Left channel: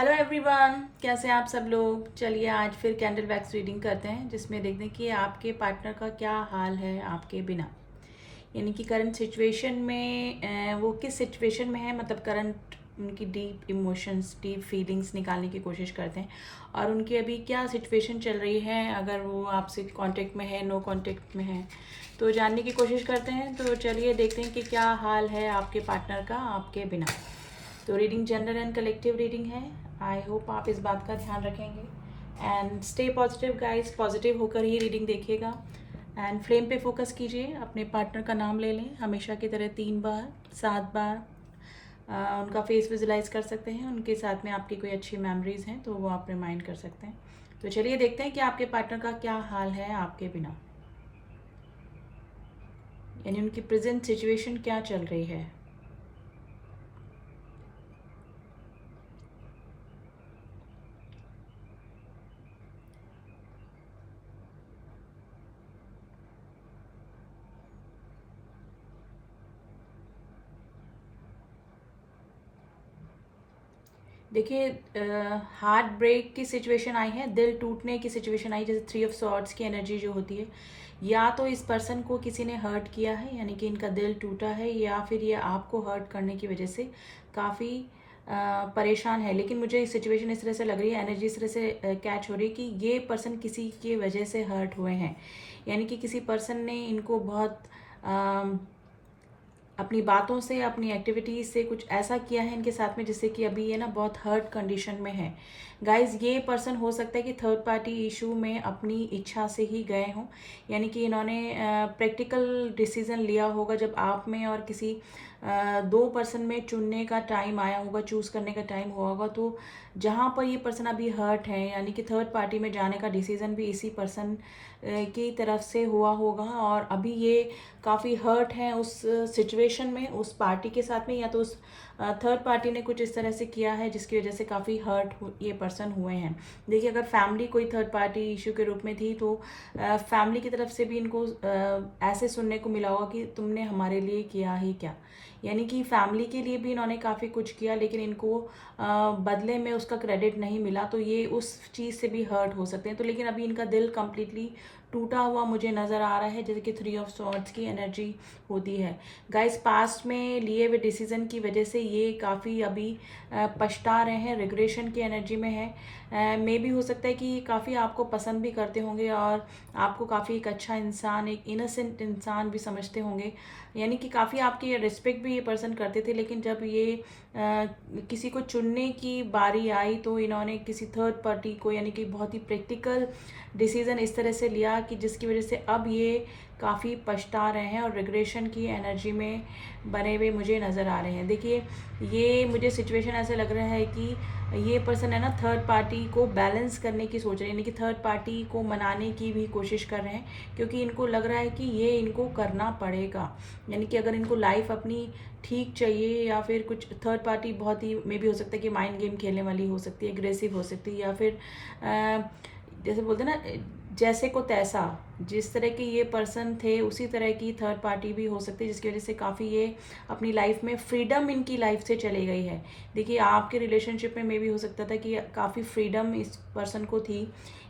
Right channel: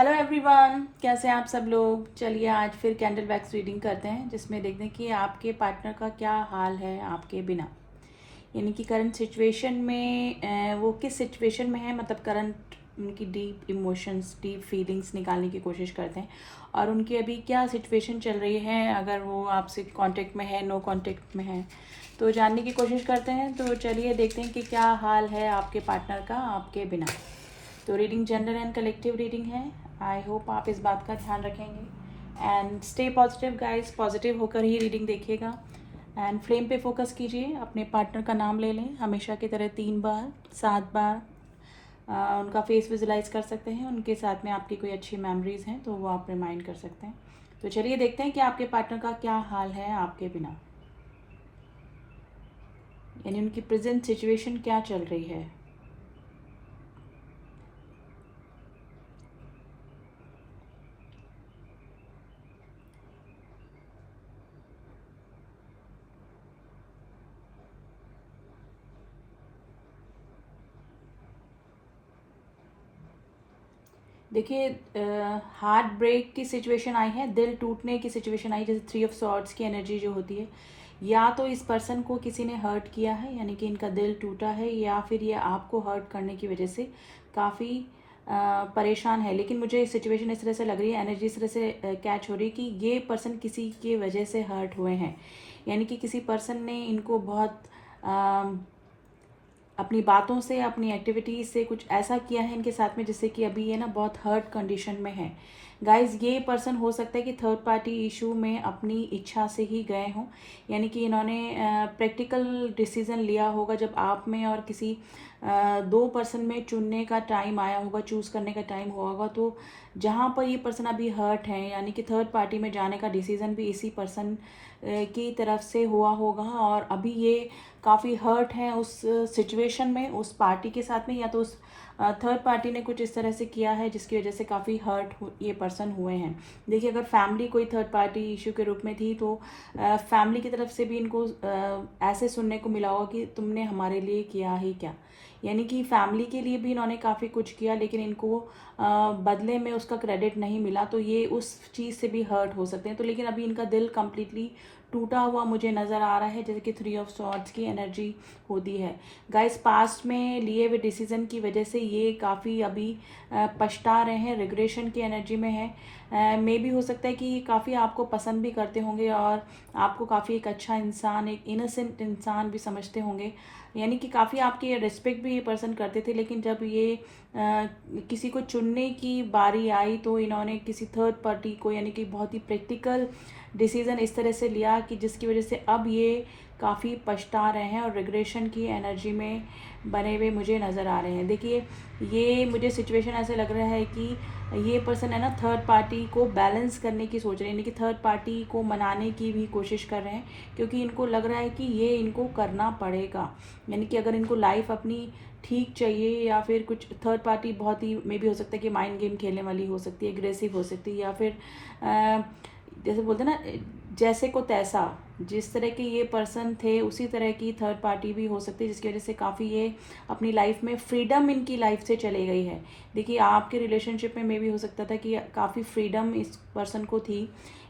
Hello everyone, कैसे हैं आप सब लोग। चलिए आज फिर कैंडल वैक्स रीडिंग करते हैं, जिसमें देखते हैं कि आपके पार्टनर का क्या हाल है आपके बिना। यानी कि करंट सिचुएशन में वो किस सिचुएशन में है, मतलब करंट उनकी डीप इमोशंस, डीप फीलिंग्स निकालने की कोशिश करते हैं। और उनकी अभी क्या सिचुएशन चल रही है, अगर वो आपसे कांटेक्ट में है, नो कांटेक्ट में है, तो जानने की कोशिश करते हैं। तो चलिए देखते हैं कि क्या हाल है आपके पार्टनर का आपके बिना। तो reading general and collective reading है। आई होप आप इस बात का ध्यान रखेंगे and stay positive guys, positive होकर ही रीडिंग देखिएगा। एंड फ्लेम पे फोकस कीजिए, अपने पार्टनर का नाम ले लें हमेशा की तरह 3 बार 7 बार। उनका फेस विजुलाइज कर सकते हैं, उनके साथ में आपकी कोई अच्छी मेमोरीज हैं तो वो आप रिमाइंड कर सकते हैं। तो चलिए देखते हैं कि आपके पार्टनर का क्या हाल है आपके बिना, यानी उनकी प्रेजेंट सिचुएशन क्या चल रही है। देखिए, हार्ट ब्रेक की सिचुएशन आई है, दिल टूटने की सिचुएशन आई, जैसे 3 ऑफ सॉर्ड्स की एनर्जी जो होती है। या तो इस पर्सन को किसी ने हर्ट किया है, यानी कि इनका दिल टूटा है, या फिर ये आपको हर्ट करने की वजह से काफ़ी परेशान है। लेकिन मुझे सिचुएशन इस तरह से लग रही है, एनर्जी इस तरह से कैच हो रही है कि ये पर्सन किसी की वजह से हर्ट हुए हैं। यानी कि किसी पर्सन ने इनको बहुत अपनी बातों से, अपनी एक्टिविटीज़ से कुछ ऐसा किया है इनके साथ में, जिससे कि अभी ये ना बहुत हर्ट कंडीशन में है। गाइज, ये पर्सन हो सकता है कि थर्ड पार्टी इशू में अपनी इच्छा से ही गए हों। यानी कि इन्होंने प्रैक्टिकल डिसीजन लिया होगा जब आप में और किसी 2 पर्सन में चुनने का टाइम आया होगा, चूज़ करने का टाइम हुआ होगा। तो जहाँ पर ये पर्सन अभी हर्ट है, यानी कि थर्ड पार्टी में जाने का डिसीजन भी इसी पर्सन की तरफ से हुआ होगा। और अभी ये काफ़ी हर्ट हैं उस सिचुएशन में, उस पार्टी के साथ में, या तो उस थर्ड पार्टी ने कुछ इस तरह से किया है जिसकी वजह से काफ़ी हर्ट ये पर्सन हुए हैं। देखिए, अगर फैमिली कोई थर्ड पार्टी इशू के रूप में थी तो फैमिली की तरफ से भी इनको ऐसे सुनने को मिला होगा कि तुमने हमारे लिए किया ही क्या। यानी कि फैमिली के लिए भी इन्होंने काफ़ी कुछ किया, लेकिन इनको बदले में उसका क्रेडिट नहीं मिला, तो ये उस चीज़ से भी हर्ट हो सकते हैं। तो लेकिन अभी इनका दिल कम्प्लीटली टूटा हुआ मुझे नज़र आ रहा है, जैसे कि 3 ऑफ सॉर्ड्स की एनर्जी होती है। गाइस, पास्ट में लिए हुए डिसीजन की वजह से ये काफ़ी अभी पछता रहे हैं, रिग्रेशन की एनर्जी में है। मे भी हो सकता है कि ये काफ़ी आपको पसंद भी करते होंगे और आपको काफ़ी एक अच्छा इंसान, एक इनोसेंट इंसान भी समझते होंगे। यानी कि काफ़ी आपकी रिस्पेक्ट भी ये पर्सन करते थे, लेकिन जब ये किसी को चुनने की बारी आई तो इन्होंने किसी थर्ड पार्टी को, यानी कि बहुत ही प्रैक्टिकल डिसीज़न इस तरह से लिया कि जिसकी वजह से अब ये काफ़ी पछता रहे हैं और रिग्रेशन की एनर्जी में बने हुए मुझे नज़र आ रहे हैं। देखिए, ये मुझे सिचुएशन ऐसे लग रहा है कि ये पर्सन है ना, थर्ड पार्टी को बैलेंस करने की सोच रहे हैं, यानी कि थर्ड पार्टी को मनाने की भी कोशिश कर रहे हैं, क्योंकि इनको लग रहा है कि ये इनको करना पड़ेगा। यानी कि अगर इनको लाइफ अपनी ठीक चाहिए, या फिर कुछ थर्ड पार्टी बहुत ही मे भी हो सकता है कि माइंड गेम खेलने वाली हो सकती है, एग्रेसिव हो सकती है, या फिर जैसे बोलते हैं ना, जैसे को तैसा, जिस तरह के ये पर्सन थे उसी तरह की थर्ड पार्टी भी हो सकती है, जिसकी वजह से काफ़ी ये अपनी लाइफ में फ्रीडम इनकी लाइफ से चली गई है। देखिए, आपके रिलेशनशिप में भी हो सकता था कि काफ़ी फ्रीडम इस पर्सन को थी,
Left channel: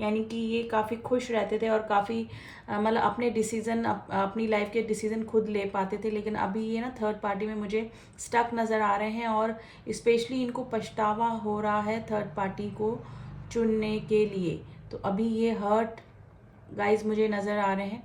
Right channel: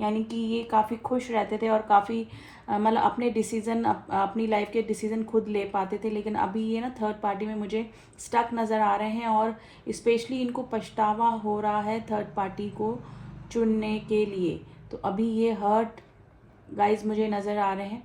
यानी कि ये काफ़ी खुश रहते थे और काफ़ी मतलब अपने डिसीज़न, अपनी लाइफ के डिसीज़न खुद ले पाते थे। लेकिन अभी ये ना थर्ड पार्टी में मुझे स्टक नज़र आ रहे हैं, और स्पेशली इनको पछतावा हो रहा है थर्ड पार्टी को चुनने के लिए। तो अभी ये हर्ट गाइस मुझे नज़र आ रहे हैं,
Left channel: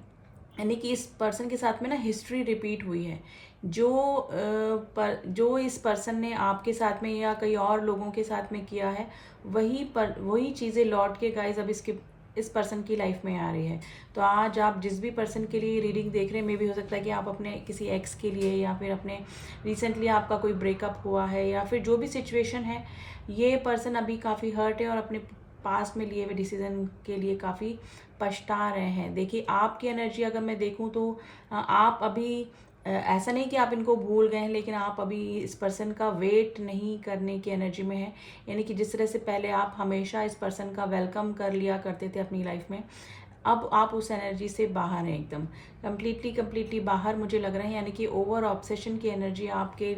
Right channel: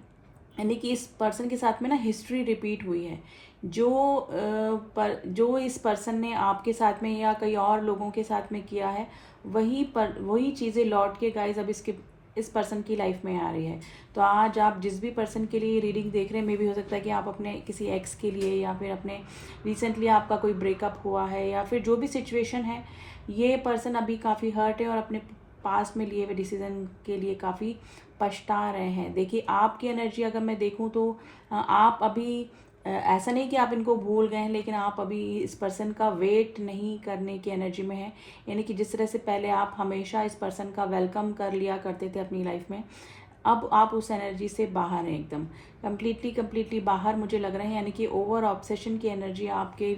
यानी कि इस पर्सन के साथ में ना हिस्ट्री रिपीट हुई है। जो इस पर्सन ने आपके साथ में या कई और लोगों के साथ में किया है, वही चीज़ें लौट के गाइस अब इस पर्सन की लाइफ में आ रही है। तो आज आप जिस भी पर्सन के लिए रीडिंग देख रहे हैं, मे भी हो सकता है कि आप अपने किसी एक्स के लिए, या फिर अपने रिसेंटली आपका कोई ब्रेकअप हुआ है, या फिर जो भी सिचुएशन है, ये पर्सन अभी काफ़ी हर्ट है और अपने पास्ट में लिए हुए डिसीजन के लिए काफ़ी पछता रहे हैं। देखिए, आपकी एनर्जी अगर मैं देखूं तो आप अभी ऐसा नहीं कि आप इनको भूल गए हैं, लेकिन आप अभी इस पर्सन का वेट नहीं करने की एनर्जी में है। यानी कि जिस तरह से पहले आप हमेशा इस पर्सन का वेलकम कर लिया करते थे अपनी लाइफ में, अब आप उस एनर्जी से बाहर हैं, एकदम कम्प्लीटली बाहर मुझे लग रहा है। यानी कि ओवर ऑब्सेशन की एनर्जी आपके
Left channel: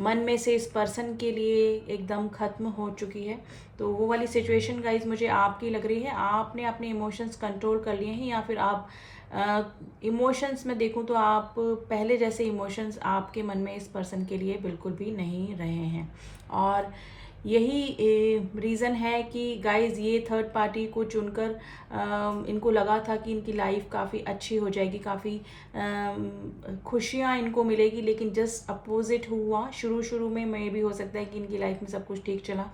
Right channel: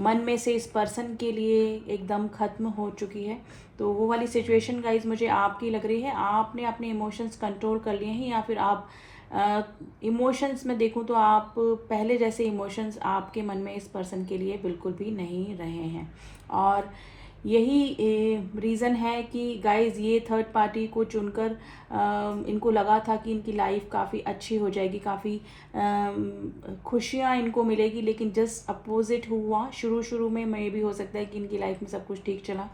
मन में से इस पर्सन के लिए एकदम ख़त्म हो चुकी है। तो वो वाली सिचुएशन गाइज मुझे आपकी लग रही है। आपने अपने इमोशंस कंट्रोल कर लिए हैं, या फिर आप इमोशंस में देखूं तो आप पहले जैसे इमोशंस आपके मन में इस पर्सन के लिए बिल्कुल भी नहीं रहे हैं। और यही रीज़न है कि गाइज ये थर्ड पार्टी को चुनकर इनको लगा था कि इनकी लाइफ काफ़ी अच्छी हो जाएगी, काफ़ी खुशियाँ इनको मिलेगी, लेकिन जस्ट अपोजिट हुआ। शुरू में मे भी हो सकता है कि इनकी लाइफ में सब कुछ ठीक चला,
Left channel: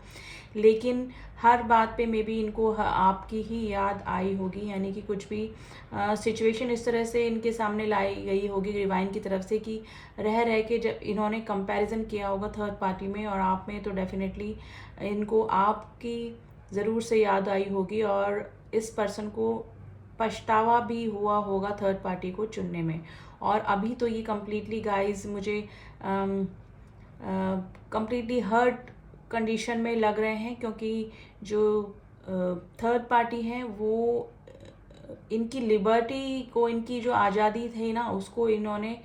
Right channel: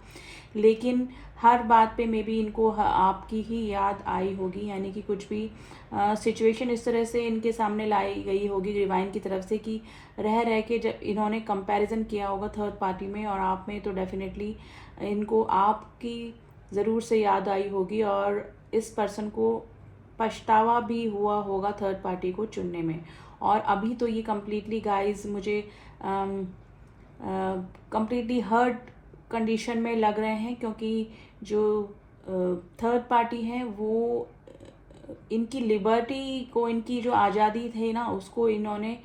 लेकिन हर बात पे मे बी इनको आपकी ही याद आई होगी। यानी कि कुछ भी सिचुएशन इस तरह से इनके सामने लाई गई होगी डिवाइन की तरफ से कि रह के जब इन्होंने कंपैरिजन किया होगा थर्ड पार्टी में और आप में, तो डेफिनेटली इनको आपकी ज़रूर से याद आई होगी और इस पर्सन को पछतावा भी हुआ होगा थर्ड पार्टी को चुनने में। और अभी तो ये कम्प्लीटली गाइज मुझे कम्प्लीटली हर्ट कंडीशन में लग रहे हैं, क्योंकि जो थर्ड पार्टी हैं वो इनकी लिबर्टी को, इनकी जो आज़ादी थी ना, उसको इन्होंने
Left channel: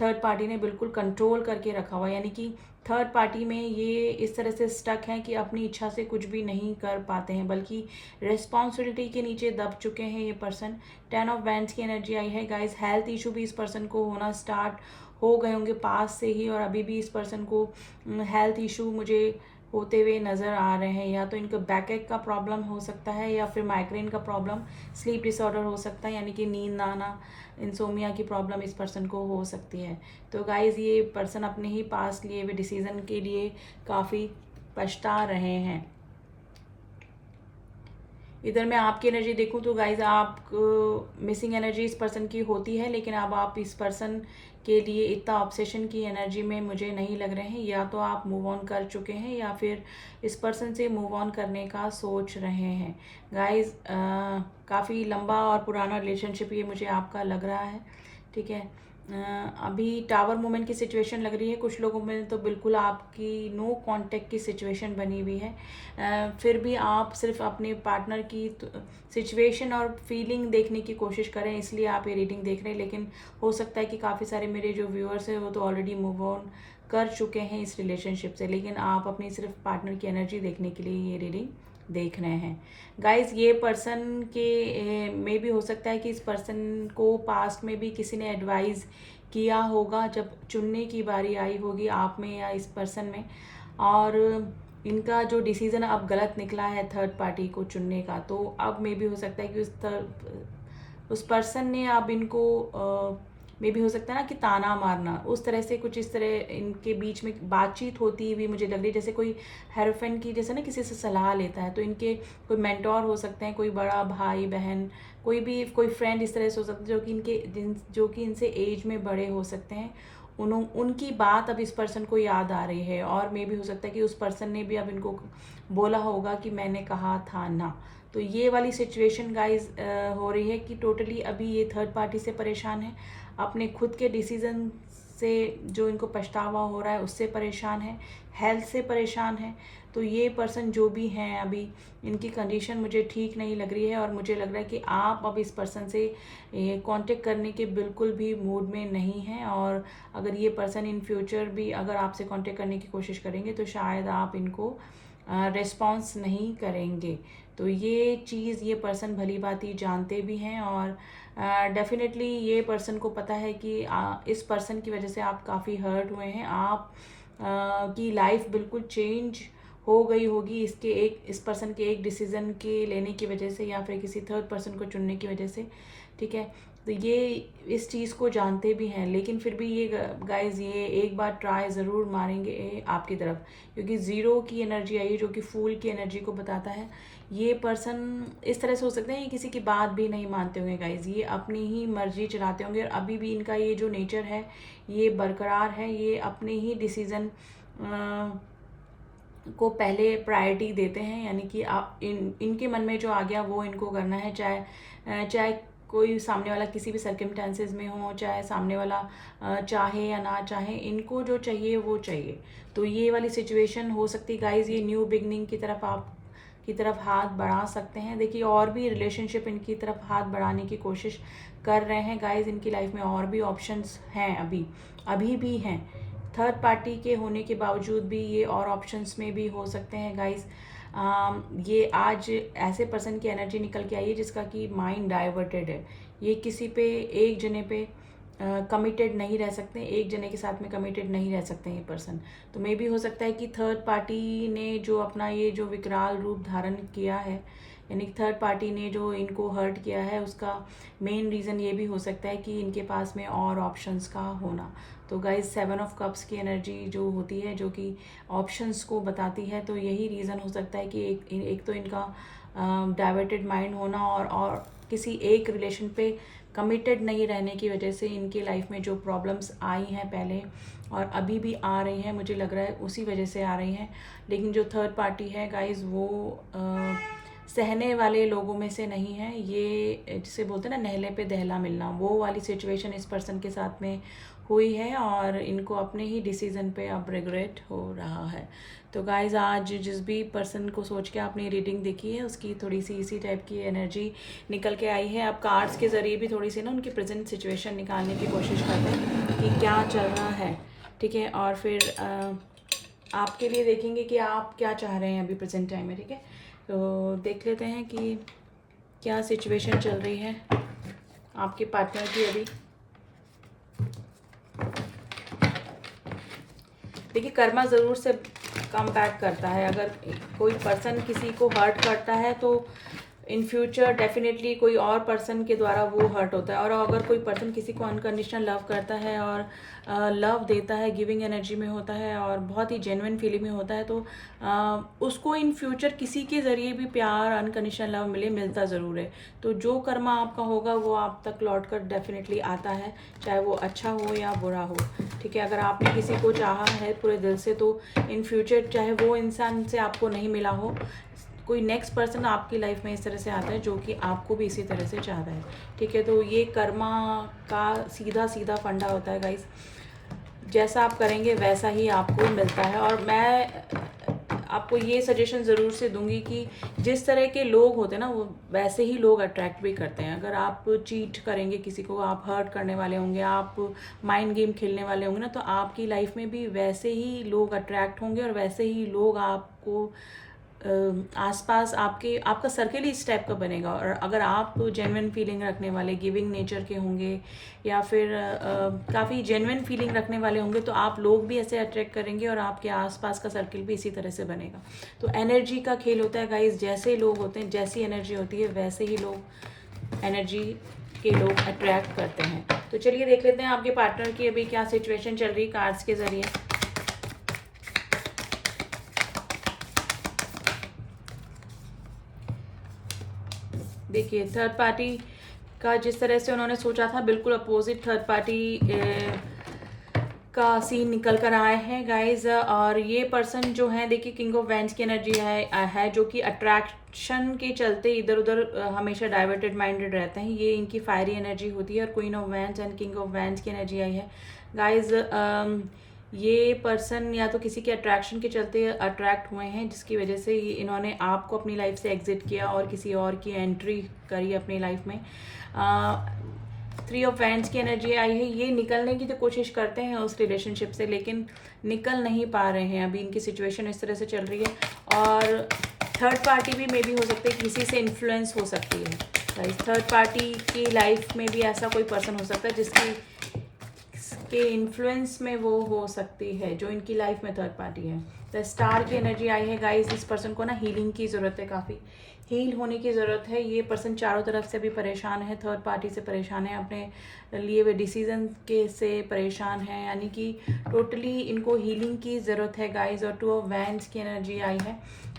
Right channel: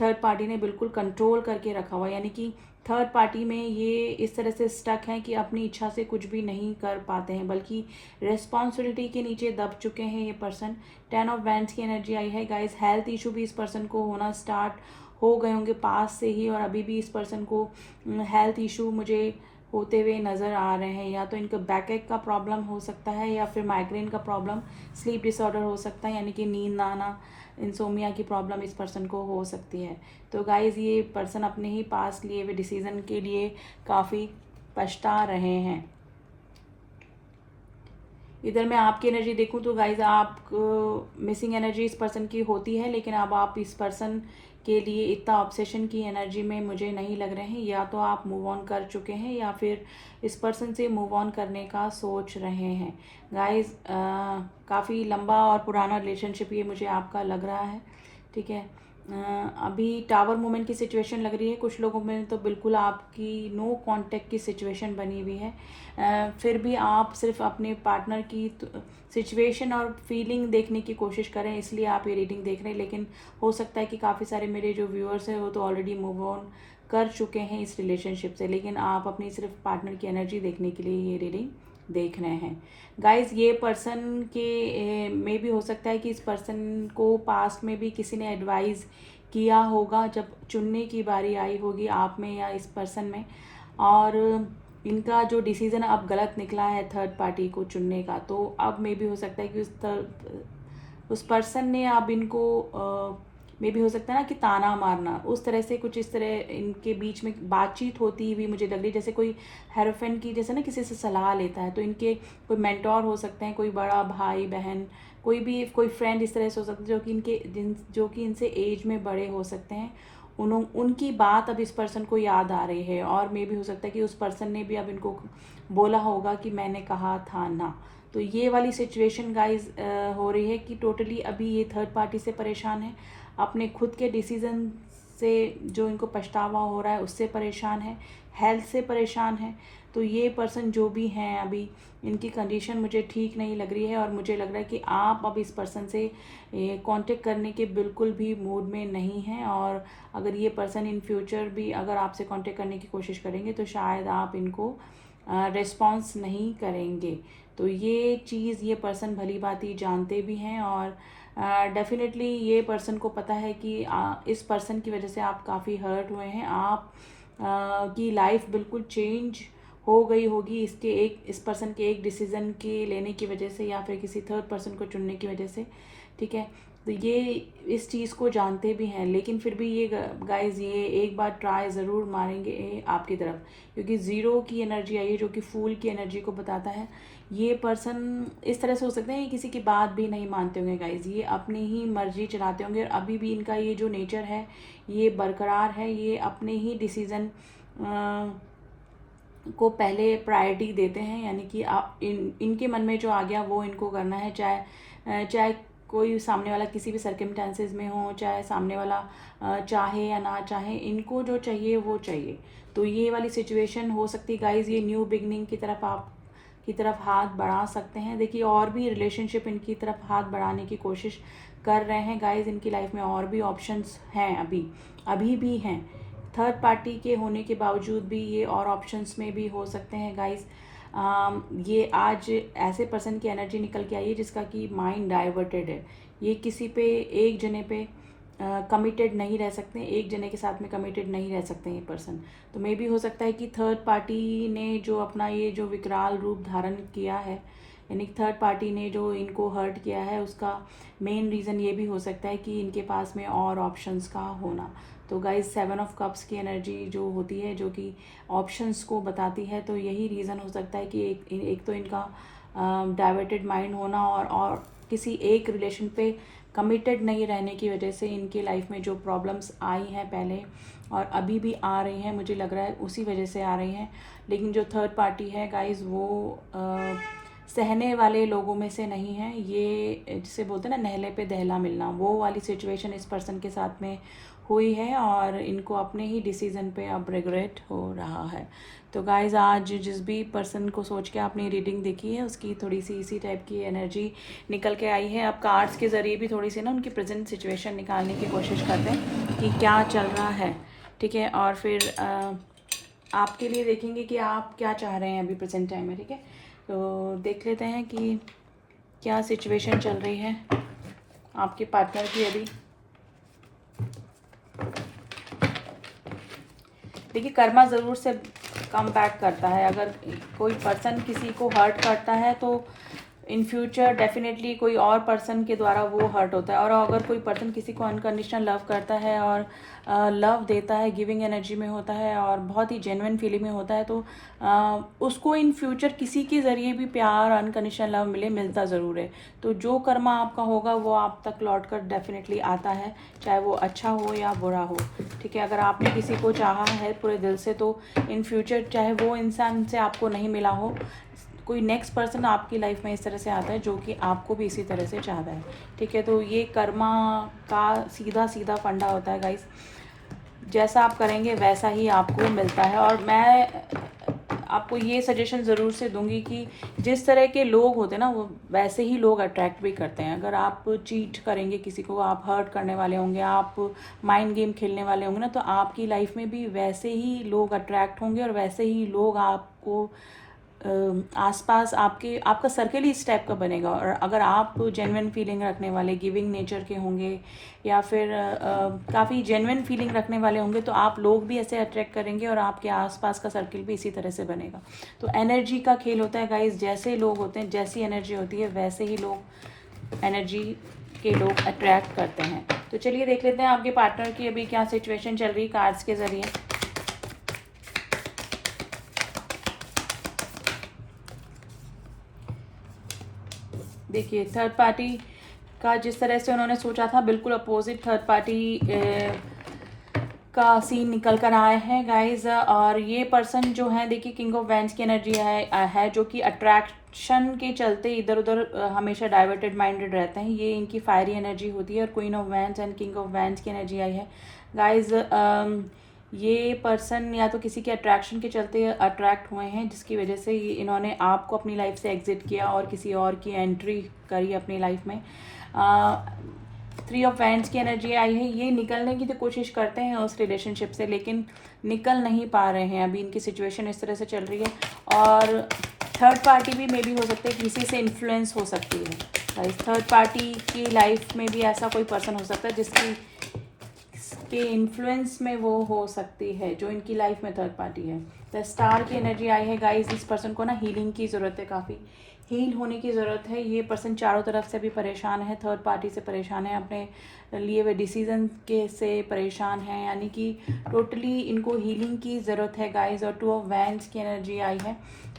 थर्ड पार्टी ने बिल्कुल कंट्रोल करके रखा हुआ। यानी कि थर्ड पार्टी में ये इस तरह से स्टक हैं कि अपनी इच्छा से कुछ भी नहीं कर पाते हैं, बल्कि रिस्पॉन्सिबिलिटी के नीचे दब चुके हैं ये पर्सन। 10 ऑफ वैंड्स की एनर्जी आई है गाइस। हेल्थ इशू भी इस पर्सन को होना स्टार्ट हो गए होंगे पास से ही, और अभी भी इस पर्सन को हेल्थ इशू मुझे होते हुए नज़र आ रहे हैं। या तो इनको बैकएक का प्रॉब्लम हो सकता है, या फिर माइग्रेन का प्रॉब्लम, स्लीप डिसऑर्डर हो सकता है, यानी कि नींद ना आना, इंसोमिया की प्रॉब्लम इस पर्सन को हो सकती है। तो गाइज़ ये पर्सन अपने ही पास लिए हुए डिसीज़न के लिए काफ़ी पछता रहे हैं। इधर मैं आपकी एनर्जी देखूं तो गाइज आप मिसिंग एनर्जी इस पर्सन की होती है, लेकिन अब आप इस पर्सन के लिए इतना ऑब्सेशन की एनर्जी में मुझे नहीं लग रहे हैं। या तो आप मूव ऑन कर चुके हैं या फिर इस पर्सन से मूव ऑन करने का सोच रहे हैं। गाइज काफ़ी लंबा और पुराना रिलेशनशिप ये मुझे आपका लग रहा है, ठीक है। अभी टावर मूवमेंट की सिचुएशन लग रही है कुछ लोगों में, तो बिल्कुल आपकी नो कांटेक्ट की सिचुएशन बनी हुई है। फिर भी आप सिर्फ अपने पार्टनर की सिचुएशन और फीलिंग देखने की कोशिश करें, इसलिए आप ये रीडिंग देख रहे हैं। लेकिन हो सकता है कि काफ़ी सारे मेरे जो व्यूअर्स हैं वो तो ऑलरेडी मूव ऑन कर चुके हैं इस रिलेशनशिप से, लेकिन आप अपनी सिर्फ पार्टनर की एनर्जी देखने के लिए ये रीडिंग देख रहे हैं। गाइज ये पर्सन के में भी हो सकता है कि इस पर्सन को पास्ट में भी किसी ने एडवाइस किया होगा जब चुनने की बारी आई होगी आप में या इस पर्सन में, और इनका जो डिसीज़न अब गलत निकला है थर्ड पार्टी को चुनने का। तो अब में भी हो सकता है कि उस पर्सन ने अब इनको में भी हो सकता है ना कि ताना मारना, उस तरह से कुछ इस तरह इनके बीच में बातचीत होती हुई मुझे लग रही है। जैसे कोई हेरोफेन की जैसे ना किसी से सलाह लेता है, तो इनके कोई मेंटोर हो सकते हैं, कोई बड़ा भाई बहन, कोई फ्रेंड इस तरह से हो सकता है जो कि इनसे एज में बड़े हो सकते हैं। उनकी बात अब इस पर्सन को याद आ रही है, और मे भी हो सकता है कि उस पर्सन ने भी अब इनको बोला होगा कि मैंने कहा था ना। तो ये वाली सिचुएशन गाइज हो रही है कि टोटली अभी ये थर्ड पार्टी से परेशान है, अपने खुद के डिसीज़न से जो इनको पछतावा हो रहा है उससे परेशान है, हेल्थ से परेशान है। तो ये पर्सन जो भी हैं अभी इनकी कंडीशन मुझे ठीक नहीं लग रही है, और मुझे लग रहा है कि आप अब इस पर्सन से कांटेक्ट करने के बिल्कुल भी मूड में नहीं हैं। और अगर ये पर्सन इन फ्यूचर भी अगर आपसे कांटेक्ट करने की कोशिश करेंगे तो शायद आप इनको रिस्पॉन्स नहीं करेंगे। तो ये चीज़ ये पर्सन भली भांति जानते भी हैं, और डेफिनेटली ये पर्सन को पता है कि इस पर्सन की वजह से आप काफ़ी हर्ट हुए हैं। आप की लाइफ बिल्कुल चेंज हो गई होगी इस पर्सन के एक डिसीज़न के लेने की वजह से, या फिर किसी थर्ड पर्सन को चुनने की वजह से, ठीक है। तो ये इस चीज़ को जानते भी हैं, लेकिन फिर भी ये गाइज ये एक बार ट्राई ज़रूर मारेंगे आपकी तरफ, क्योंकि ज़ीरो की एनर्जी आई है जो कि फूल की एनर्जी को बताता है। ये पर्सन इस तरह से हो सकता है ये किसी की बात भी नहीं मानते होंगे गाइज, ये अपनी ही मर्जी चलाते होंगे। अभी भी इनका ये जो नेचर है ये बरकरार है, ये अपने ही डिसीज़न को पहले प्रायोरिटी देते हैं। यानी कि आप इनके मन में जो आ गया वो इनको करना है, चाहे कोई सामने वाला किसी भी सर्कमस्टेंसेस में हो, चाहे सामने वाला चाहे या ना चाहे, इनको जो चाहिए वो चाहिए। तो ये वाली सिचुएशन हो सकती गाइज ये न्यू बिगनिंग की तरफ आप की तरफ हाथ बढ़ा सकते हैं। देखिए और भी रिलेशनशिप इनकी तरफ हाथ बढ़ाने की कोशिश कर रहे हैं गाइज। इनकी लाइफ में और भी ऑप्शंस हैं, अभी भी हैं। थर्ड पार्टी के होने के बावजूद भी ये और ऑप्शंस में भी हो सकते हैं गाइज। ये आज ऐसे पर्सन की एनर्जी निकल के आई है जिसका कि माइंड डाइवर्टेड है। ये किसी पे एक जने पे कमिटेड नहीं रह सकते, एक जने के साथ में कमिटेड नहीं रह सकते ये पर्सन। तो मे भी हो सकता है कि थर्ड पार्टी ने जो अपना ये जो विकराल रूप धारण किया है, यानी थर्ड पार्टी ने जो इनको हर्ट किया है, उसका मेन रीज़न ये भी हो सकता है कि इनके पास में और ऑप्शंस का होना। तो गाइज 7 ऑफ कप्स की एनर्जी जो होती है, जो कि ऑप्शंस को बताती है, तो यही रीज़न हो सकता है कि एक तो इनका डाइवर्टेड माइंड होना और किसी एक रिलेशन पे कमिटेड नहीं रहने की वजह से इनके लाइफ में जो प्रॉब्लम्स आई हैं पहले और अभी भी आ रही हैं, मुझे लग रहा है उसी वजह से आ रही हैं। लेकिन जो थर्ड पार्टी है गाइज वो सहने वाले लोगों में से नहीं है। ये जिसे बोलते हैं ना नहले पे दहला मिलना, वो वाली सिचुएशन इस पर्सन के साथ में हुई है और इनको अपने ही डिसीज़न पे अब रिग्रेट हो रहा है। तो गाइज आज जिस भी पर्सन को सोच के आपने रीडिंग देखी है उसकी थोड़ी सी इसी टाइप की एनर्जी निकल के आई है। आप कार्ड्स के ज़रिए भी थोड़ी सी ना उनकी प्रेजेंट सिचुएशन निकालने की कोशिश करते हैं कि क्या चल रहा है, ठीक है। और फिर आपके लिए देखेंगे कि आप क्या चाह रहे हैं अभी प्रेजेंट टाइम में, ठीक है। तो देख लेते हैं कि क्या सिचुएशन चल रही है आपके पार्टनर की अभी। देखिए कर्मा ज़रूर से कम बैक करता है। अगर कोई पर्सन किसी को हर्ट करता है तो इन फ्यूचर डेफिनेटली कोई और पर्सन के द्वारा वो हर्ट होता है। और अगर कोई पर्सन किसी को अनकंडीशनल लव करता है और लव देता है, गिविंग एनर्जी में होता है और बहुत ही जेन्युइन फीलिंग में होता है, तो उसको इन फ्यूचर किसी के ज़रिए भी प्यार, अनकंडीशनल लव मिलता ज़रूर है। तो जो कर्मा आपका होगा वो आप तक लौट कर डेफिनेटली आता है, चाहे वो अच्छा हो या बुरा हो, ठीक है। अगर आपने किसी को चाहा है पूरे दिल से तो इन फ्यूचर चाहे वो इंसान से आपको नहीं मिला हो, कोई नेक्स्ट पर्सन आपकी लाइफ में इस तरह से आता है जो कि आपको भी इसी तरह से चाहता है, ठीक है। तो ये कर्मा का सीधा सीधा फंडा होता है गाइस, जैसा आप करेंगे वैसा ही आपको मिलता है। और मैं आपको ये सजेशन ज़रूर से दूंगी कि जिस तरह के लोग होते हैं ना वो वैसे ही लोग अट्रैक्ट भी करते हैं। अगर आप चीट करेंगे किसी को, आप हर्ट करने वाले होंगे, आप माइंड गेम खेलने वाले होंगे ना, तो आपकी लाइफ में भी वैसे ही लोग अट्रैक्ट होंगे और वैसे ही लोग आपको आसपास आपका सर्कल ही इस टाइप का बनेगा। और अगर आप जेन्युइन फीलिंग रखने वाले, गिविंग नेचर के होंगे या फिर काफ़ी जेन्युइन फीलिंग रखने वाले होंगे तो आप लोग भी ऐसे अट्रैक्ट करेंगे और आपके आसपास का सर्कल भी इसी तरह से बनेगा। तो एनर्जी का खेल होता है गाइस, जैसे लोग होते हैं, जैसी एनर्जी होती है वैसे ही लोग एनर्जी के लोग अट्रैक्ट करते हैं। तो चलिए देख लेते हैं आपके पार्टनर की अभी क्या सिचुएशन चल रही है कार्ड्स के ज़रिए। देखिए थर्ड पार्टी का जिस तरह से उन्होंने सोचा था बिल्कुल अपोजिट थर्ड पार्टी का सीन निकल कर आए हैं गाइज। और ये पर्सन जो है देखिए किंग ऑफ वैंड्स की एनर्जी है जो कि अट्रैक्शन के चलते इधर उधर हमेशा डाइवर्टेड माइंडेड रहते हैं। ये इनकी फायरी एनर्जी होती है और queen of wands and king of wands की एनर्जी आई है गाइज। ये पर्सन या तो किसी के अट्रैक्शन के चलते अट्रैक्ट हुए हैं जिसकी वजह से इन्होंने आपको अपनी लाइफ से एग्जिट किया और किसी और की एंट्री करी अपनी लाइफ में। 3 ऑफ वैंड्स की एनर्जी आई है। ये निकलने की तो कोशिश करते हैं उस रिलेशनशिप से लेकिन निकल नहीं पा रहे हैं। अभी इनकी सिचुएशन इस तरह से चल रही है। और थर्ड पार्टी भी मे भी हो सकती है, किसी से इन्फ्लुएंस हो सकती है। थर्ड पार्टी की लाइफ में भी ऐसा कोई पर्सन हो सकता है जिसकी के इन्फ्लुएंस में वो हो सकती है, जो इनकी लाइफ में थर्ड पार्टी है। द स्टार की एनर्जी आई है गाइस। इस पर्सन को ना हीलिंग की ज़रूरत है, काफ़ी हील होने की ज़रूरत है। ये पर्सन चारों तरफ से भी परेशान है, थर्ड पार्टी से परेशान है, अपने लिए हुए डिसीजन के से परेशान है, यानी कि टोटली इनको हीलिंग की ज़रूरत है गाइस। और 2 ऑफ वैंड्स की एनर्जी आई है।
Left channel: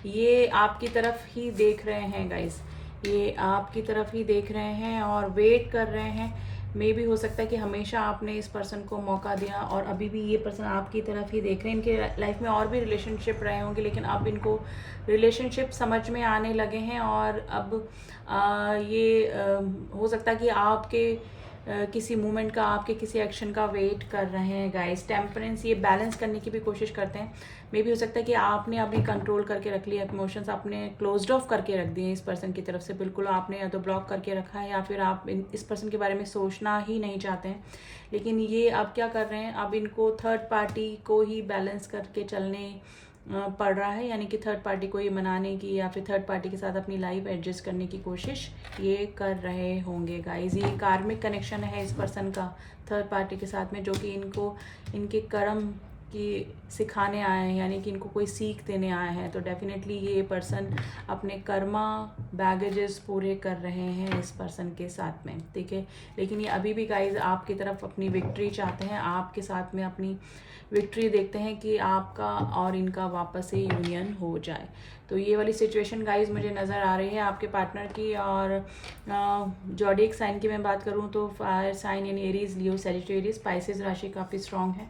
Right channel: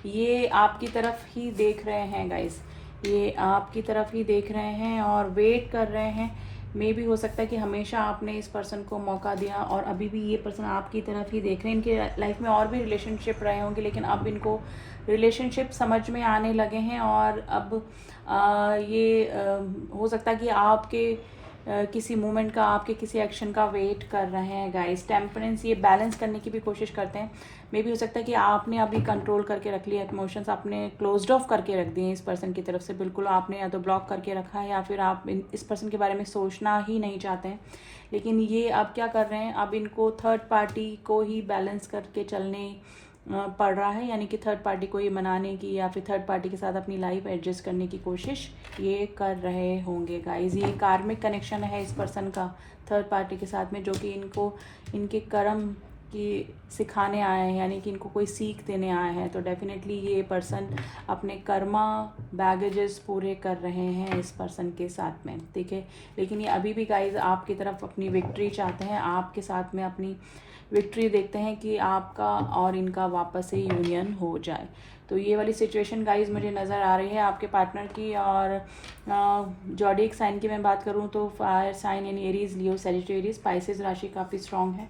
ये आपकी तरफ ही देख रहे हैं गाइस, ये आपकी तरफ ही देख रहे हैं और वेट कर रहे हैं। मे भी हो सकता है कि हमेशा आपने इस पर्सन को मौका दिया और अभी भी ये पर्सन आपकी तरफ ही देख रहे हैं। इनके लाइफ में और भी रिलेशनशिप रहे होंगे लेकिन अब इनको रिलेशनशिप समझ में आने लगे हैं। और अब ये हो सकता है कि आपके किसी मूवमेंट का, आपके किसी एक्शन का वेट कर रहे हैं गाइस। टेम्परेंस, ये बैलेंस करने की भी कोशिश करते हैं। मे भी हो सकता है कि आपने अभी कंट्रोल करके रख लिया इमोशंस, आपने क्लोज्ड ऑफ करके रख दिए इस पर्सन की तरफ से, बिल्कुल आपने या तो ब्लॉक करके रखा है या फिर आप इस पर्सन के बारे में सोचना ही नहीं चाहते हैं। लेकिन ये अब क्या कर रहे हैं, अब इनको थर्ड पार्टी को ही बैलेंस करके चलने पड़ रहा है, यानी कि थर्ड पार्टी को ये मनाने की या फिर थर्ड पार्टी के साथ अपनी लाइफ एडजस्ट करने की कोशिश ये कर रहे होंगे गाइज। ये कार्मिक कनेक्शन है इस पर्सन का थर्ड पार्टी के साथ में, जो कि इनको इनके कर्म की सिखाने आए हैं, यानी कि इनको कोई सीख देने आए हैं। तो डेफिनेटली ये पर्सन अपने कर्मा बैगेजेस पूरे कर रहे हैं इस पर्सन के साथ में, ठीक है। लेकिन ये अभी भी गाइज आपकी तरफ अपनी विक्ट्री चाहते हैं, आपके साथ में अपनी विक्ट्री देखते हैं कि आपका और इनका वापस से यूनियन हो जाए। तो ये वाली सिचुएशन गाइज मुझे नज़र आ रही है आपके पार्टनर की। और ज़ोडिएक साइन की मैं बात करूँ तो fire sign in Aries, Leo, Sagittarius, स्पाइसेस राशि काफ़ी स्ट्रॉन्ग है,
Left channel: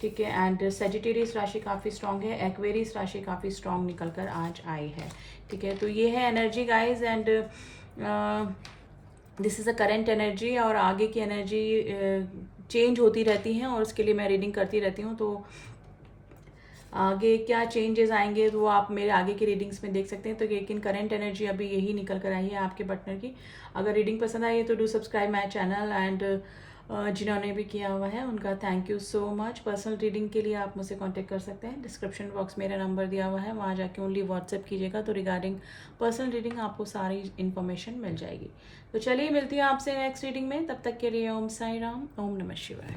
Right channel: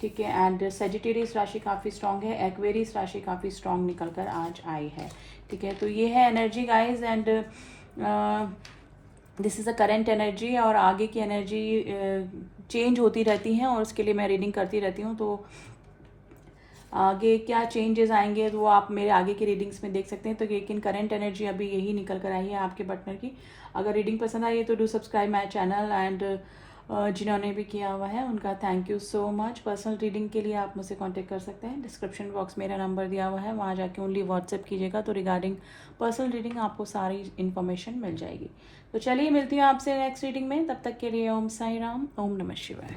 ठीक है। एंड सजिटेरियस राशि काफ़ी स्ट्रॉन्ग है, एक्वेरियस राशि काफ़ी स्ट्रॉन्ग निकल कर आज आई है, ठीक है। तो ये है energy guys, and this is a current energy. और आगे की एनर्जी चेंज होती रहती हैं और उसके लिए मैं रीडिंग करती रहती हूँ। तो आगे क्या चेंजेस आएंगे तो वो आप मेरे आगे की रीडिंग्स में देख सकते हैं। तो लेकिन करंट एनर्जी अभी यही निकल कर आई है आपके पार्टनर की। अगर रीडिंग पसंद आई है तो do subscribe my channel, and जिन्होंने भी किया हुआ है उनका thank you so much. Personal reading के लिए आप मुझसे कांटेक्ट कर सकते हैं, डिस्क्रिप्शन बॉक्स मेरा नंबर दिया हुआ है, वहाँ जाके ओनली व्हाट्सएप कीजिएगा तो रिगार्डिंग पर्सनल रीडिंग आपको सारी इन्फॉर्मेशन मिल जाएगी। तो चलिए मिलती हूँ आपसे नेक्स्ट रीडिंग में, तब तक के लिए ओम साई राम, ओम नमः शिवाय।